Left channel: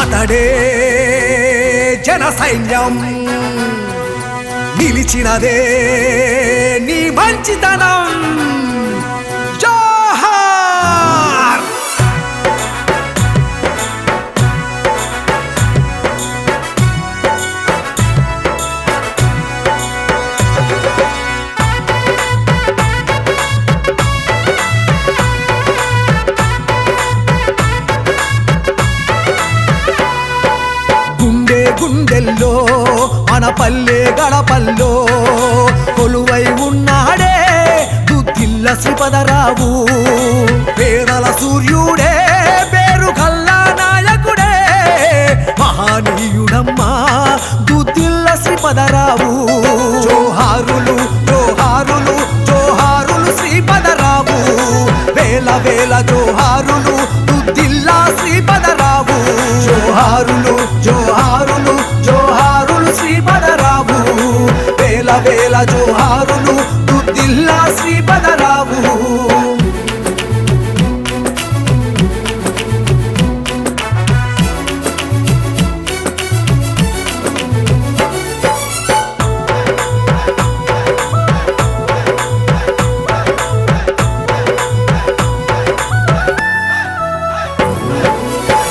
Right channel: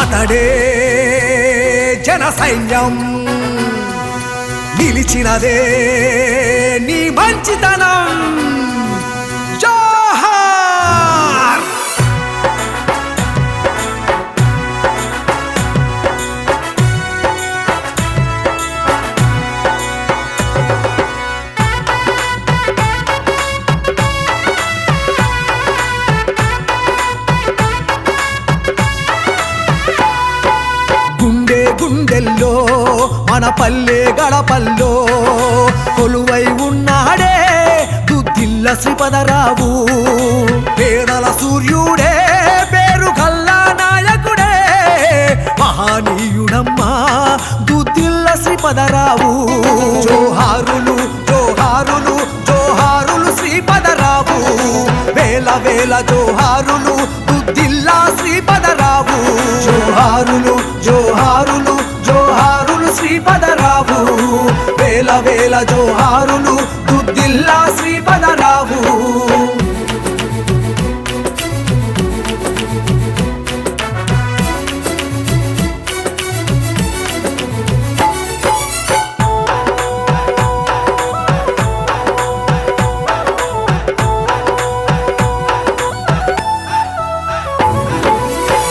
అతడే జన సైన్యం నిలిచినదే నీ మంచితనం జోహార్ గుండె గుండెల్లో మన పల్లె గడపల్లో కొలువై ఉన్నాడే దుద్దిల్ల శ్రీపదరావు పేదల సూర్యుడే పేరు గల్లా నాయకుడే మహానీయుడమ్మా దుద్దిల్ల శ్రీపదరావు జోహారులు జోహారులు జోహారులు శ్రీపదరావు వేల వేల జోహారులు దుద్దిల్లా శ్రీపదరావు జోహారులు జోహారులు జోహారులు శ్రీపదరావు వేల వేల జోహారులు దుద్దిల్లా శ్రీపదరావు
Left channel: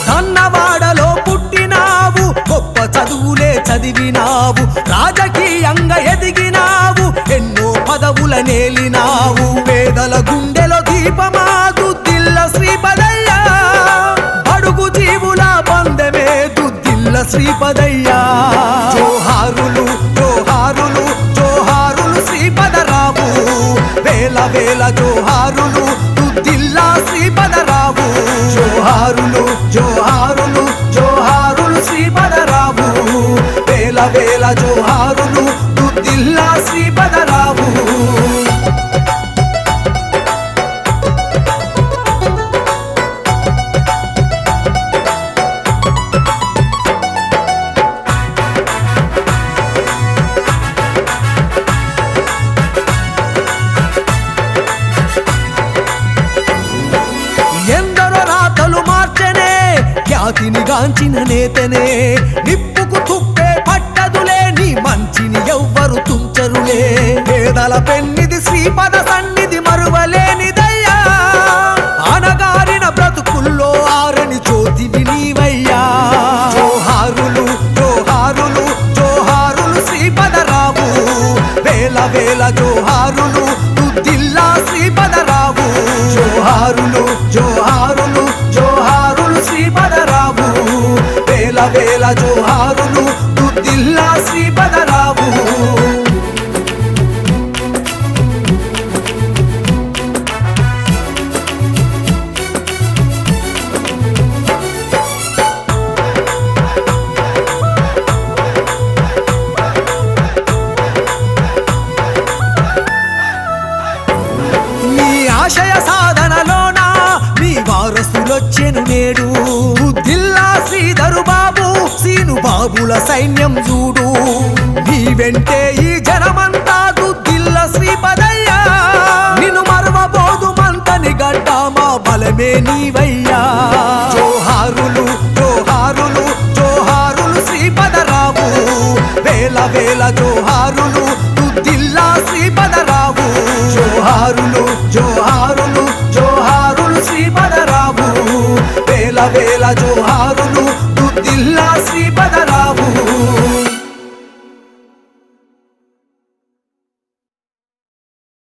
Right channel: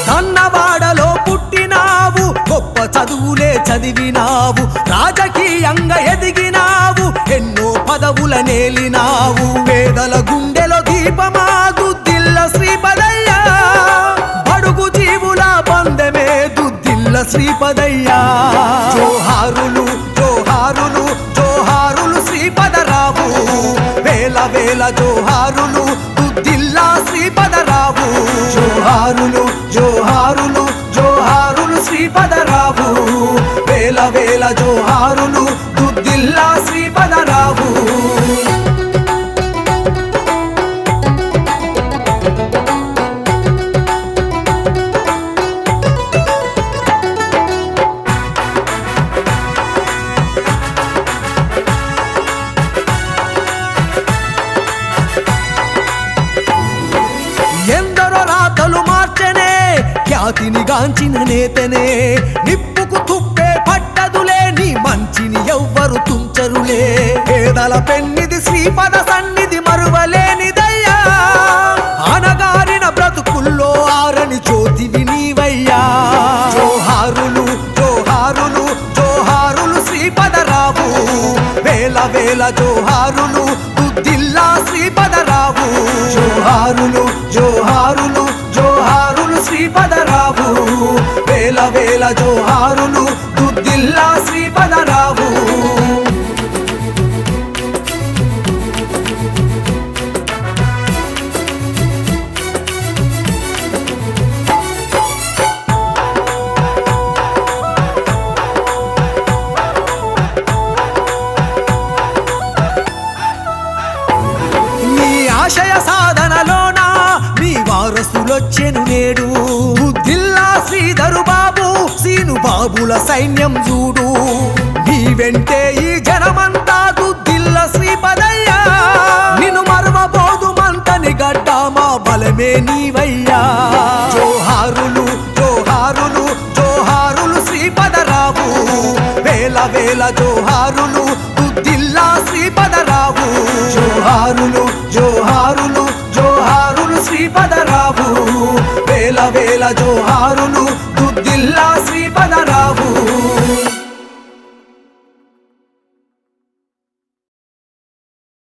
దన్నవాడలో పుట్టినావు గొప్ప చదువులే చదివినావు రాజకీయంగా ఎదిగినావు ఎన్నో పదవుల నేలినావు పేదల గుండెలో దీపమా దుద్దిల్ల శ్రీపదయ్య బడుగు జీవుల బంధమే దుద్దిల్ల శ్రీపదయ్య జోహారులు జోహారులు జోహారులు శ్రీపదరావు వేల వేల జోహారులు దుద్దిల్లా శ్రీపదరావు జోహారులు జోహారులు జోహారులు శ్రీపదరావు వేల వేల జోహారులు దుద్దిల్లా శ్రీపదరావు ఎందరో రాతలు మార్చనే ఖ్యాతిని గాంచిన నేతనే నిప్పుకు తుప్పే పట్టదులే నీ మంచిని ఎవ్వరు తుంచరులే పేదల పెన్నిది శ్రీపద సన్నిధి మరువలేనిదయ్యా అనగారిన బ్రతుకుల్లో ఆరని జ్యోతివి నీవయ్యా జోహారులు జోహారులు జోహారులు శ్రీపదరావు వేల వేల జోహారులు దుద్దిల్లా శ్రీపదరావు జోహారులు జోహారులు జోహారులు శ్రీపదరావు వేల వేల జోహారులు దుద్దిల్లా శ్రీపదరావు ఆశయ సాధనలోనా మీ వారసులొచ్చెను నేడు దుద్దిల్లా శ్రీధరు బాబు సీను బాబుల సైన్యం చూడు నీ వెంటే ఈ జనమంతా దుద్దిల్ల శ్రీపదయ్య నిన్ను మరవబోదు మంతని గడ్డ మా బలమే నీవయ్యా జోహారులు జోహారులు జోహారులు శ్రీపదరావు వేల వేల జోహారులు దుద్దిల్లా శ్రీపదరావు జోహారులు జోహారులు జోహారులు శ్రీపదరావు వేల వేల జోహారులు దుద్దిల్లా శ్రీపదరావు